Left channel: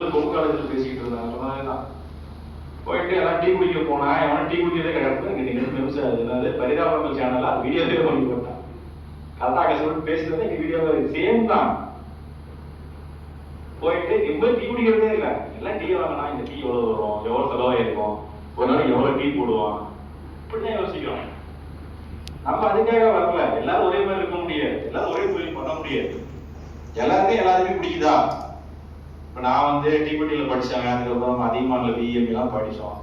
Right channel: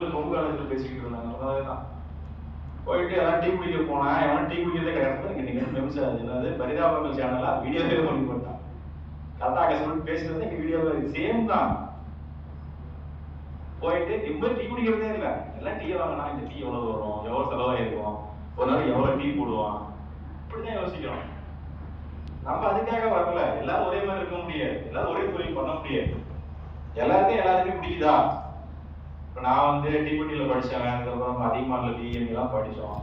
பொது காலேஜில் பேசிக்கிட்டு இருந்தாங்க. சொன்னதுதான் போயிட்டு எல்லாம் டீ குடிக்க போனா எவனும் டீ குடிக்கிறதே கிடையாது. நீங்க நிமிஷம் என்னது பரிதாபங்கள் சேனலா வீடியோவே பண்ணி போட்டான். கரெக்டாக கஷ்டப்பட்டு பேசுறது இங்க வீடியோவே சேம் தான். போயிட்டு எவ்வளவு டீ குடிக்கிறதே இல்லை. எல்லாம் டீ வாங்கினா இந்த டீ எவ்வளவு வரும், எவ்வளவு செலவாயிருக்கும், ஒரு நாளைக்கு எவ்வளவு டீ போடுவான், இப்படிதான் யோசிக்கிறோம். நம்ம அதுக்காக வரல. எல்லாரும் ஒரே மாதிரி இருக்க முடியாது, எல்லாரும் ஒரே தொழில் பண்ண முடியாது. எல்லாருமே பிடிக்குதா? இப்ப நான் டிபட்டியில படிச்சேன், அதுக்கப்புறம் அதிகமான பிஎம்பி எல்லாம் படிச்சோம்.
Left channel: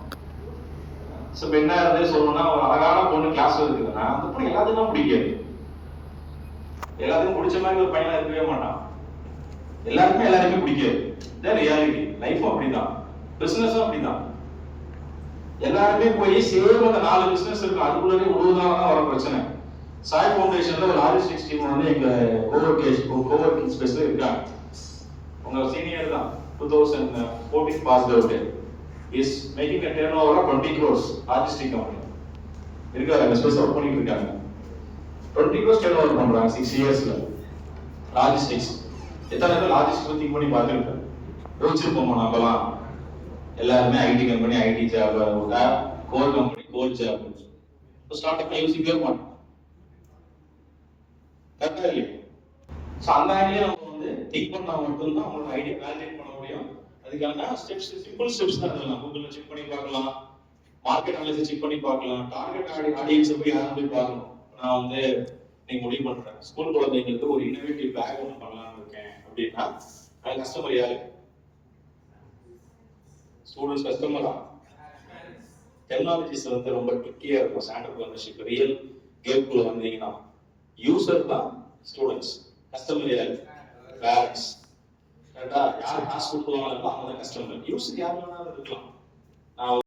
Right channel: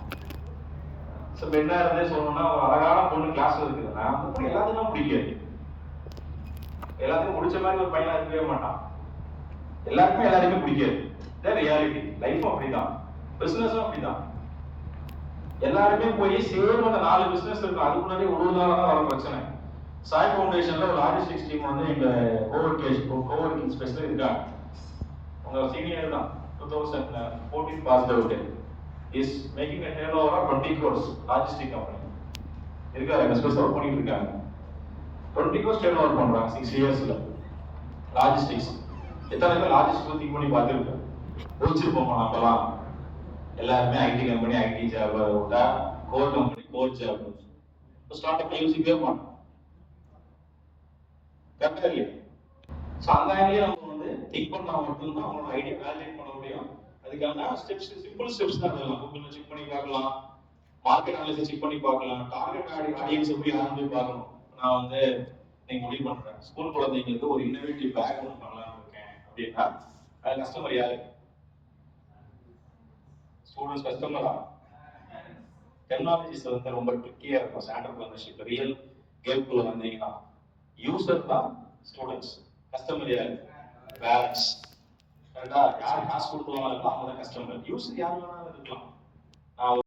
இப்ப என்ன சொல்லணும்னா, ஒரு அழகான பொண்ணு கிளாஸ் இருக்குதுன்னா அந்த பொண்ணு எல்லாத்துக்கும் பிடிக்காது. எல்லாத்துக்கும் பிடிச்ச மாதிரி ஒரு பையன் இருக்கவே மாட்டான். எல்லாருமே பிடிக்காது. இதான் ரியாலிட்டி. லைஃபும் அப்படிதான், பிசினஸும் அப்படிதான். எல்லாருமே போய் சேம் அந்த 4 பிசினஸ் இருக்கும், அதுக்குள்ளே உழுவதாக வர பிரச்சனை. சாய் ஃபவுண்டேஷன்ல ஒரு லாஜிஸ்டிக்ஸ் டீம் எங்க கோவர்க்கிங் ஸ்பேஸ்ல இருக்காங்க. உங்க சீனியர் தான், 2014 passed out, is making a turnover of 20 crores. Logistic company இருக்காங்க, அந்த ஸ்பேஸ் ஒர்க் பண்ணிட்டு இருக்காங்க. 20 crores turnover பண்றாங்க 6 இயர்ஸ்ல. லாஜிஸ்டிக்ஸ் எத்தனை லாஜிஸ்டிக் திங்க் பண்ணி பார்த்துருக்கேன். யோசிச்சிருப்போம் நம்மலாம். எல்லாருமே IT company, IT job, core company, core job. Starting யோசிக்கவே மாட்டோம். கரெக்டா இல்லையா? அந்த ஐடியா நம்ம திங்க் பண்ணா மட்டும்தான் அவங்களோட ஐடியா வேலிடேட் பண்ண முடியும். அதுக்கான ஸ்டெப்ஸ், சிம்பிள் ஸ்டெப்ஸ் தான் எழுதலாம். கூகுள்ல செக் பண்ணி பார்க்கலாம், மார்க்கெட் அனாலிசிஸ் செக் பண்ணி பார்க்கலாம், டார்கெட் ஆடியன்ஸ் போய் யாரும் போய் பார்க்கணும். நான் நீங்க முடிவு பண்றேன், ஸ்கூல் குழந்தைங்களுக்கு ஒரு இன்னோவேட்டிவ் பேக் ஒன்று பண்ணலாம்னு இருக்கேன் அப்படின்னா, அது கஸ்டமர் யாரு? ஸ்டூடெண்ட்ஸ் கஸ்டமரா? டெக்னாலஜிஸ் ரொம்ப ட்ரிக்கியா இருக்கும். ஸ்டாண்டர்ட் பார்ட்னர்ஷிப் ரியல் கேம்குள்ள வந்தீங்கன்னா யூசர் தான் ஸ்டூடெண்ட்ஸ், கஸ்டமர் யாரு? பேரண்ட்ஸ். கரெக்டா? யார் காசு கொடுக்குவாங்களோ அவங்க தான் கஸ்டமர். யூசர் யார் வேணாலும் இருக்கலாம். நான்